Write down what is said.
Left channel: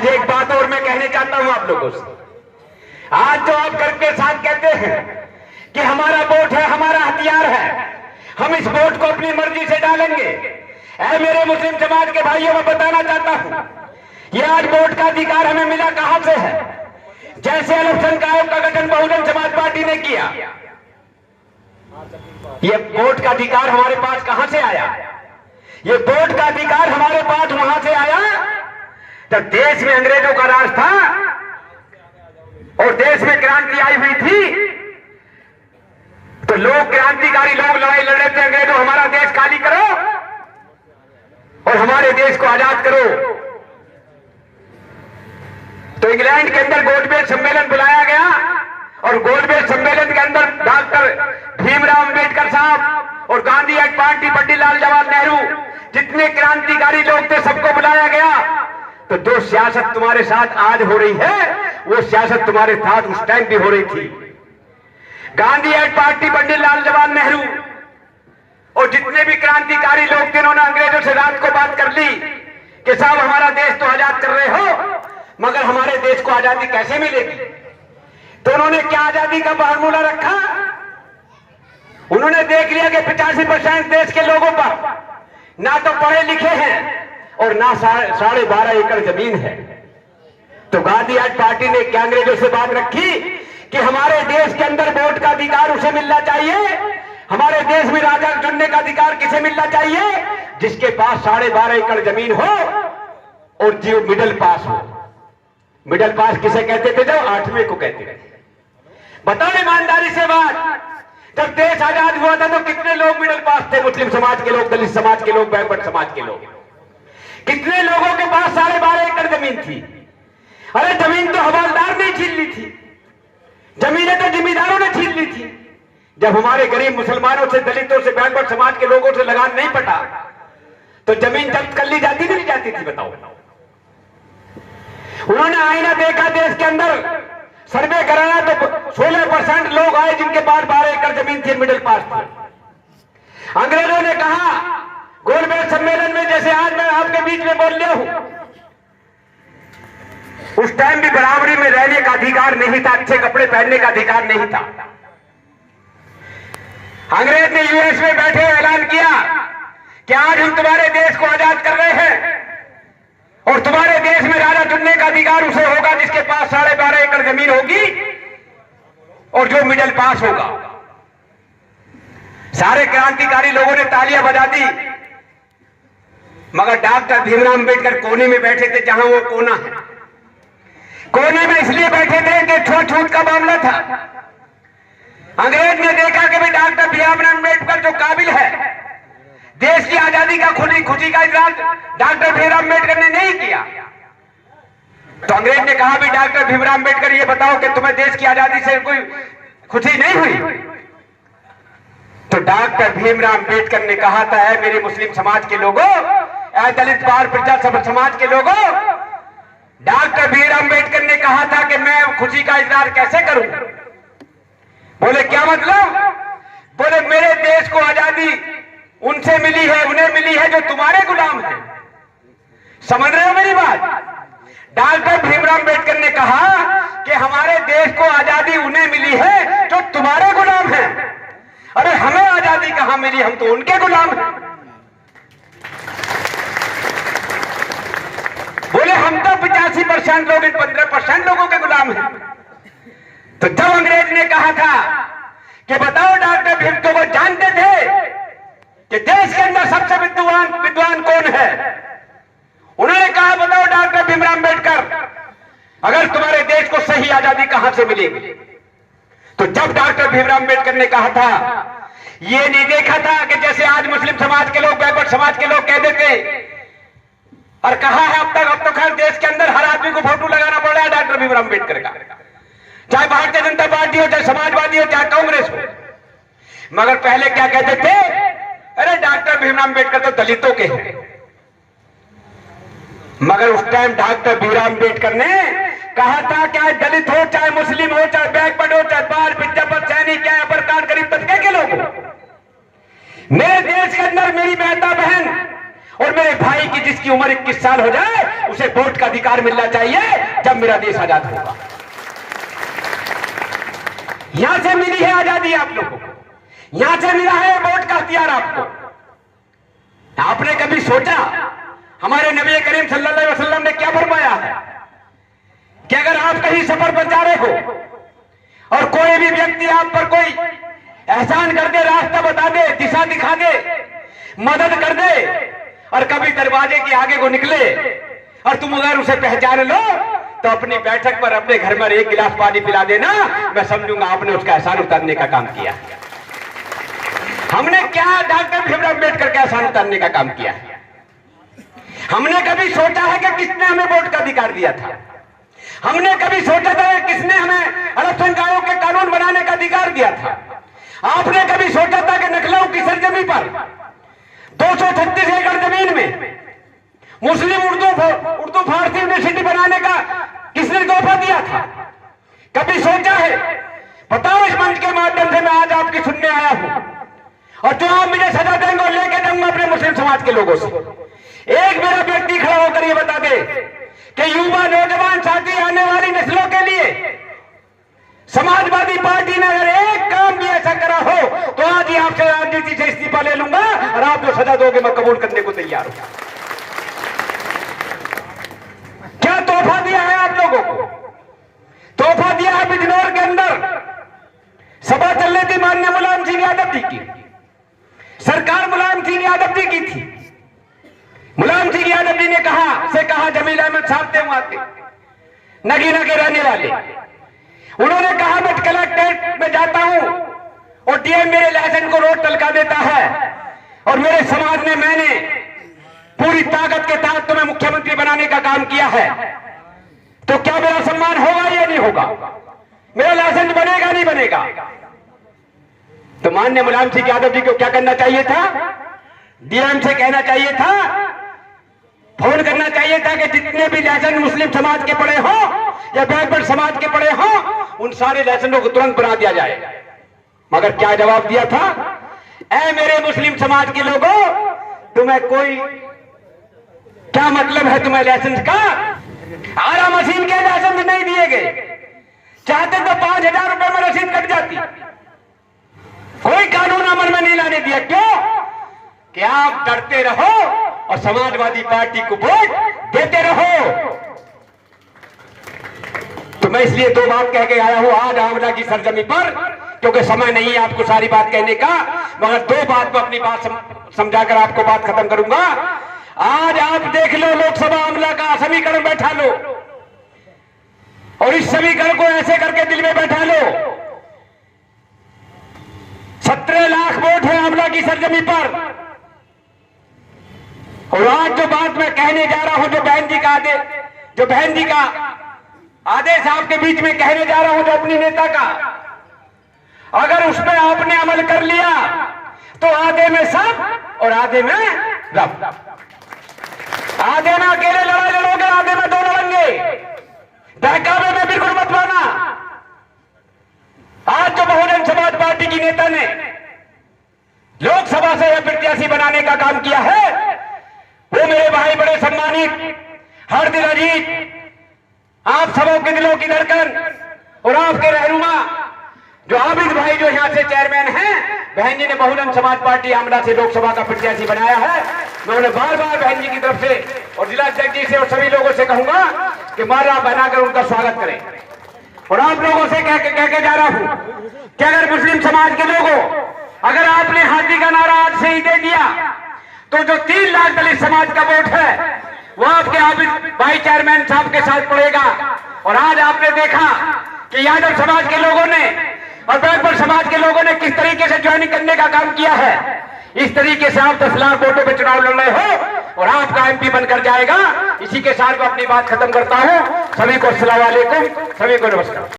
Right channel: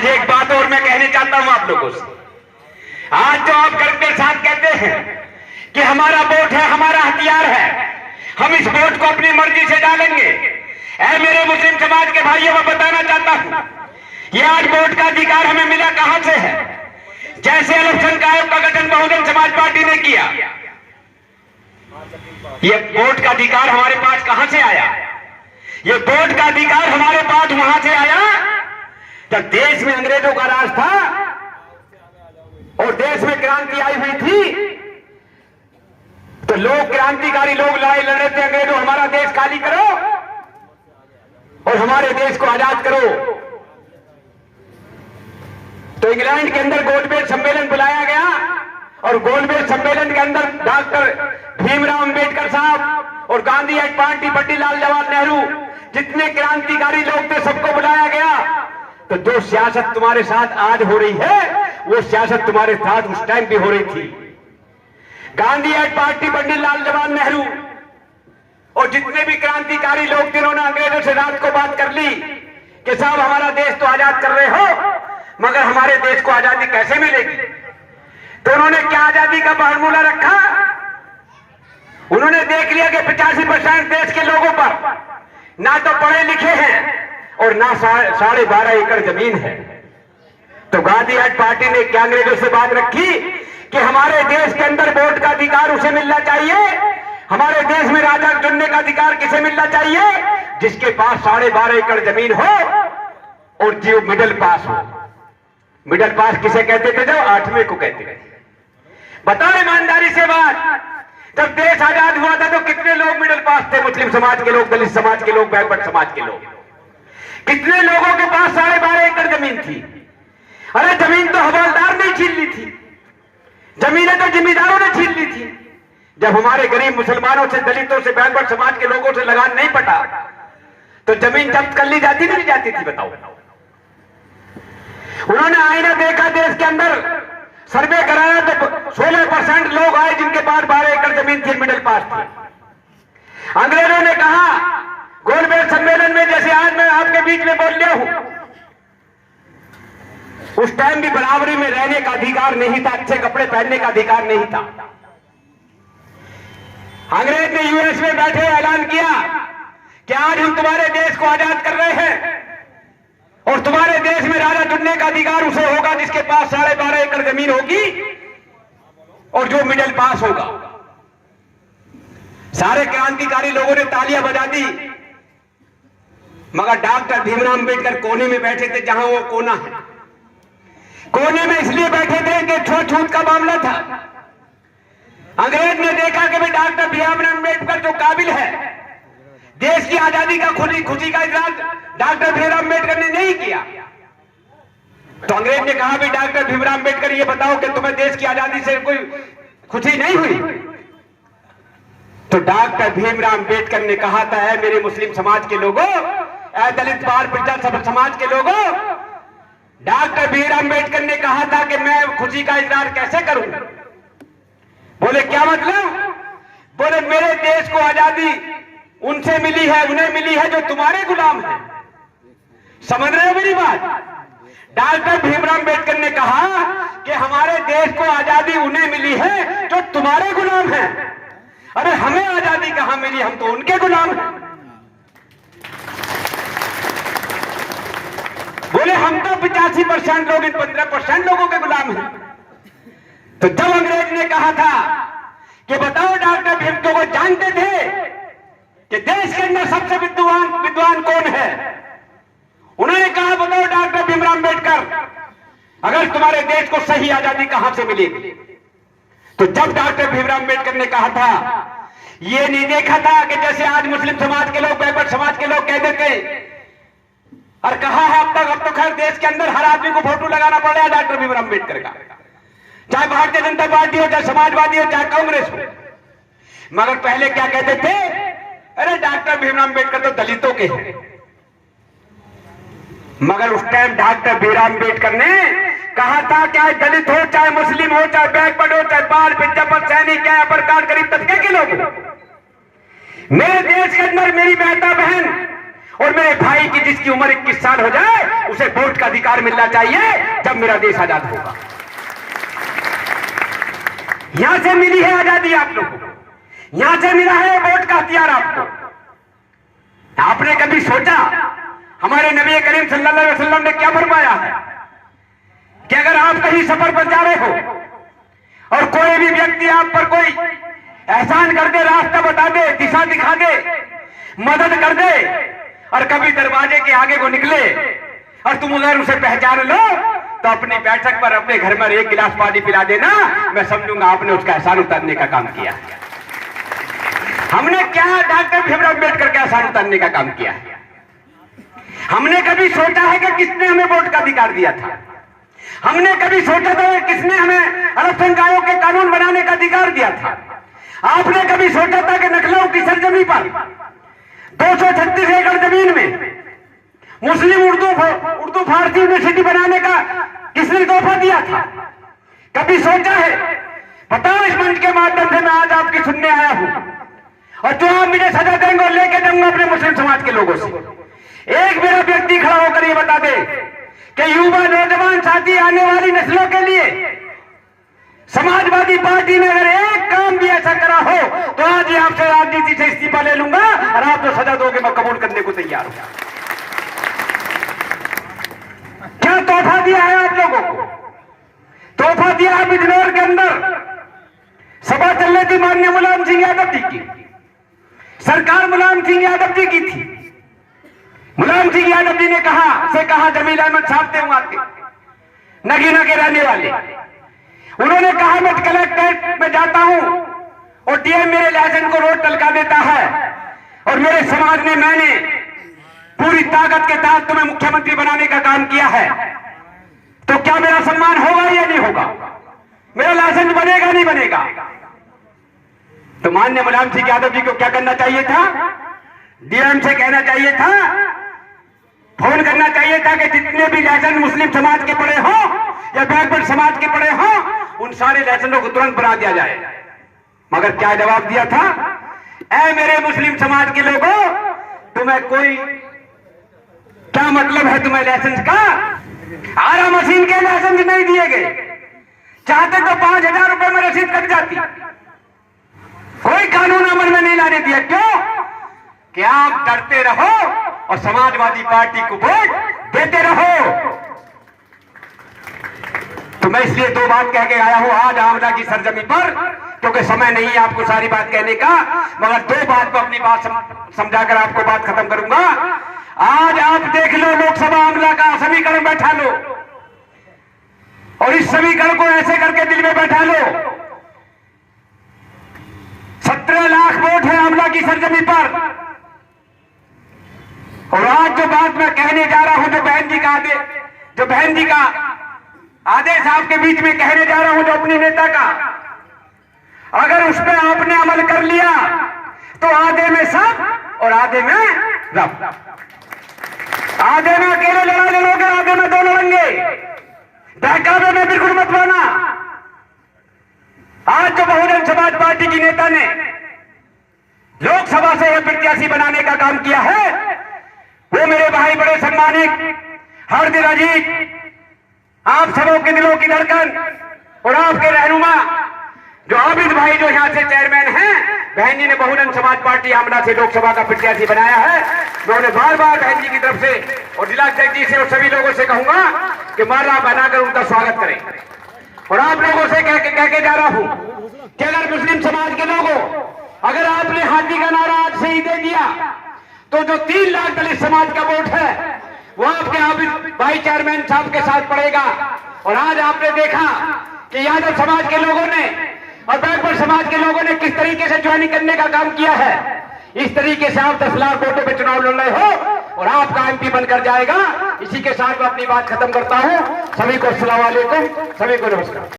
आज एक बात और मैं कहने चाहता हूं आप लोगों से। आज जो आप गर्व के साथ कहते हैं कि हमारा वोट है, हमारा हथियार है, हम इस वोट को अपनी मर्जी से डालेंगे। ऐ मेरे मुस्लिम समाज के भाइयों, मैं बताना चाहता हूं, ये आज वोट का अधिकार हमें मिला कहां से है? जैसे इलेक्शन आयोग का गठन बहुजन समाज पार्टी ने किया, ये वोट का अधिकार हमारे पास कहां से आया? ये वोट का अधिकार हमारे पास वहां से आया जब देश में अंग्रेजों का राज था और देश में क्रांति आई हुई थी, तो लोग, क्रांतिकारी लोग लड़ाई लड़ रहे थे, अंग्रेजों हमारा देश खाली करो और हमारे देश को आजाद करो। तो इंग्लैंड के अंदर गोलमेज सम्मेलन बुलाया गया और गोलमेज सम्मेलन के अंदर डॉक्टर भीमराव अंबेडकर साहब और गांधी एड पार्टी, पंडित लाल जवाहर नेहरू, जितने क्रांतिकारी लोग थे, सबको बुलाया गया। तो जो सियासत तुम्हारे साथ आज हो रही है, वो सियासत तुम्हारे साथ उस टाइम भी हो रही थी। गांधी एड पार्टी, पंडित लाल जवाहर नेहरू और जितने भी क्रांतिकारी लोग थे, उन्होंने अंग्रेजों से रात को बात कर ली कि साहब हमारा देश तो आजाद कर रहे हो, मगर हमारे देश को आजादी कैसे मिलेगी? तो उन्होंने क्या आजादी का फार्मूला रखा? उन्होंने देख लिया कि 85% देश के लोगों पर ना तो पढ़े लिखे हैं और ना 12.5 एकड़ जमीन है। तो गांधी एड पार्टी ने क्या अंग्रेजों से बात रखी कि हमारे देश के अंदर वोट का अधिकार उसे मिलना चाहिए, हमारे देश में राजा चुनने का अधिकार किसे मिलना चाहिए? जिसके पास 12.5 एकड़ जमीन हो और जो मिडिल पास हो। मिडिल पास किसे कहते थे? जो 8वें को कहते थे। बताओ ईमानदारी से बात, जब देश आजाद हुआ था तो कितने लोग मिडिल पास थे? मुस्लिम समाज के लोग, दलित समाज के लोग, बैकवर्ड समाज के लोग। कितने लोगों के पास 12.5 एकड़ जमीन थी? अरे जमीन तो हवालदार ने छीन ली थी, जमीनें तो जिम्मेदारों ने छीन ली थी। जब हमारे गरीब मुसलमानों से, दलितों से, बैकवर्ड समाज के लोगों से लगान नहीं पटा तो जमीन जब्त कर ली जाती कि नहीं जाती थी? बताओ। उन्होंने आईना देखा, देश के अंदर सर्वे कराया तो 16% लोग आए जिनके पास 12 एकड़ जमीन थी, मिडिल पास थे। अंग्रेजों ने कहा गोलमेज सम्मेलन में, जैसे आज मैं आपके बीच में बोल रहा हूं, उस टाइम भी बराबरी में रहने का अधिकार नहीं था, अच्छे कपड़े पहनने का अधिकार नहीं था। अंग्रेज ने यूएस में बैठे ऐलान किया कि आज हम तुम्हारे देश को आजाद कर रहे हैं और तुम्हारे देश में राजा चुनने का अधिकार उसे होगा जिसके पास 12.5 एकड़ जमीन होगी और जो मिडिल पास होगा। सारे क्रांतिकारी लोगों ने तालियां बजा दी, मगर डॉक्टर भीमराव अंबेडकर कोने में बैठे थे, जहां वो कोना है। कोने में इसलिए बैठे थे कि छूट का मामला था। अंग्रेज ने देखा कि भाई डॉक्टर भीमराव अंबेडकर जो काबिल है, देश की आजादी का खुशी का इजहार डॉक्टर भीमराव अंबेडकर ने नहीं किया। तो अंग्रेज ने कहा, भाई डॉक्टर भीमराव अंबेडकर ये बताओ कि तुम्हें देश की आजादी से कोई खुशी नहीं हुई? तो डॉक्टर भीमराव अंबेडकर ने कहा था, है मेरे मुस्लिम समाज के लोगों, ऐ दलित बाल प्रजा समाज के लोगों, डॉक्टर भीमराव अंबेडकर ने कहा था कि मैं खुशी का इजहार कैसे करूं? बोले क्या मतलब? बोले मेरे देश को आजादी उनसे मिली है, उन्हें मिली है जो तुम्हारे गुलाम हैं। समझ रहे हो मेरी बात? डॉक्टर भीमराव अंबेडकर ने कहा कि हमारे देश को आजादी उन्हें मिली है जो तुम्हारे गुलाम हैं। अरे हमें आजादी कहां मिली? हम तो उनके गुलाम हैं। बोले हम तो 85% लोग इन 15% लोगों के गुलाम हैं। तो जब अंग्रेज ने कहा था कि बताओ डॉक्टर भीमराव को जानते थे कि देश के अंदर सबसे विद्वान कौन है? उन्होंने कहा बताओ डॉक्टर भीमराव अंबेडकर, अगर तुम्हारे देश को सही आजादी कहां से मिलेगी? तो जब डॉक्टर भीमराव अंबेडकर ने कहा था, ये नहीं देखा था कि जैसे आज मुस्लिम समाज के लोग, बैकवर्ड समाज के लोग कह देते, और कहा है अब तो खैर देश के अंदर हर आदमी को फोटो लगाना पड़ रहा है डॉक्टर भीमराव अंबेडकर का, चाहे भारतीय जनता पार्टी हो, चाहे समाजवादी हो, चाहे कांग्रेस हो। मगर पहले क्या कहते थे? अरे डॉक्टर भीमराव अंबेडकर तो दलितों के हैं। मगर उस टाइम डॉक्टर भीमराव अंबेडकर ने कहा था, चाहे दलित हो, चाहे मुस्लिम हो, चाहे बैकवर्ड हो, चाहे बाल पिज्जापत सैनिक, चाहे अपर कास्ट गरीब तबके के लोग हो, मेरे देश के अंदर मेरी बेटा बहन और मेरे भाई की जिसकी उम्र 21 साल हो जाए उसे वोट का अधिकार मिलना चाहिए जब मेरा देश आजाद होगा। यहां से मिली है आजादी आप लोगों को, यहां से मिला है वोट का हथियार आपको। आपने कभी सोचा हमारे नबी करीम सल्लल्लाहु अलैहि वसल्लम ने क्या फरमाया है कि अगर आप कहीं सफर पर जा रहे हो और कोई भी व्यक्ति आप पर कोई एहसान कर दे, रास्ता बता दे, दिशा दिखा दे, मदद कर दे, और कभी दरवाजे के आगे को निकले और तुम अगर उसे पहचान लो तो अपनी बैठक पर अपने घर में एक गिलास पानी पिला देना, मैं समझूंगा आपने उसका एहसान उतारने का काम किया। हमने क्या डॉक्टर भीमराव अम्बेडकर का एहसान उतारने का काम किया? हमने कभी सोचा है कि किसने हमें वोट का अधिकार दिया था? हमने कभी सोचा था कि किसने हमें अल्पसंख्यक आयोग के कानून बनाने का अधिकार दिया था? आपने कभी सोचा था कि नखलऊ की सरजमी पर 236 एकड़ जमीन में मुस्लिम उर्दू फारसी यूनिवर्सिटी बनाने का किसने तोहफा दिया था? कभी सोचा है? बताओ, इस मंच के माध्यम से मैं आज आपकी सुनने आया हूं, और जो आप मुझे सजा देंगे और लेके जाऊंगा अपने मुस्लिम समाज के लोगों से। एक मेरा व्यक्ति खड़ा होकर ये बता दे कि युवा नौजवान साथी आने वाली नस्लों के लिए समाजवादी पार्टी ने अगर एक काम भी ऐसा करा हो तो आज ही आपसे राजनीति से इस्तीफा ले लूंगा, और आप जो सजा दोगे मैं कबूल करने को तैयार हूं। क्या तोहफा दिया है आप लोगों को? तोहफा दिया है बिजनौर के अंदर सभा चल रही थी माननीय मुलायम सिंह यादव जी की, सरकार मुलायम सिंह यादव जी की थी। मुलायम सिंह यादव जी ने कहा जमील अहमद साहब थे वहां के नगीना के रहने वाले, उन्होंने कहा मैं कलेक्ट्रेट में जाता हूं और डीएम मेरे लाइसेंस को रोड टलका देता है, और मेरे समाज ने मैंने पूरी ताकत के तहत तुम्हें मुख्यमंत्री बनाने का काम किया है, तो क्या मेरा सम्मान होगा या नहीं होगा? मेरा लाइसेंस बनेगा नहीं बनेगा? तो माननीय मुलायम सिंह यादव जी को क्या करना चाहिए था? डीएम से कहना चाहिए था, फोन करना चाहिए था कि जितने भी लाइसेंस मुस्लिम समाज के पड़े हो या बैकवर्ड समाज के पड़े हो उन सारे लाइसेंसों को तुरंत बना दिया जाए। मगर क्या जवाब दिया था? ऐ मेरे मुस्लिम समाज के लोगों, तुम्हें कोई क्या मतलब है तुम्हें लाइसेंस का? आरा मशीन के लाइसेंस नहीं दिए गए, चाहते तो 5,000 रुपए में रसीद कट जाती। कोई कानून अमल में नहीं लाने दिया। क्यों? कि आप डरते रहो और समाजवादी पार्टी को वोट देते रहो। तो मैं इसलिए दो बात कह के आया हूं आज आमला की सरजमी पर, क्योंकि समय नहीं है आपको सारी बात कहने का, मगर दो बात में अपनी बात समझाकर आपको बात खत्म करूंगा। आज आप देख लो, लोकसभा आमला का समीकरण बैठा लो और इस समीकरण को ऐसे करके दिल में बैठा लो। 17 लाख वोट है आमला की सरजमी पर, और आज जो बात मैं कहने जा रहा हूं, जो बहन जी का आदेश आपके बीच में कहने जा रहा हूं, जो अपनी नेता का, अगर उस पर आपने अमल कर लिया तो आधे में सब और आधे में रब। आधे में अकेले लड़ाई लड़ोगे, आधे में दो लड़ेंगे। बहकावे में बिल्कुल मत बना। आज जो बहुजन समाज पार्टी की नेता ने लोकसभा से यह प्रत्याशी बनाने का काम किया है, वो मेरे भाई बड़े सम्मानित हर दिल अजीत, आप सबों के दिलों की धड़कन और आपके रहनुमा जो आबिद भाई, जो यहां से चेयरमैन हैं, बहन जी ने बहुजन समाज पार्टी आमला से लोकसभा का प्रत्याशी बनाया है। मैं उन्हें बार बार बहन जी की तरफ से और जिला अध्यक्ष जी से और सभी लोगों से कहूंगा कि माला बनाकर उनका स्वागत करें। और आप लोगों से कह के जा रहा हूं कि अगर मुस्लिम समाज के लोगों, अगर आपने हाथी का नारा आज से ही दे दिया तो जो 3 लाख दलित समाज का वोट है वो आपके आबिद भाई चेयरमैन साहब के साथ पड़ेगा। और आज आपने देखा कि यादव समाज के लोगों ने और बैकवर्ड समाज के लोगों ने किस तरीके से ज्वाइनिंग करने का काम किया है। इस तरीके से आप 10 लाख वोटों पे चुनाव लड़ रहे हो और आपका एमपी बनकर जाएगा। इसी के साथ मैं अपनी बात खत्म करता हूं। सभी को अस्सलाम वालेकुम, सभी को नमस्कार।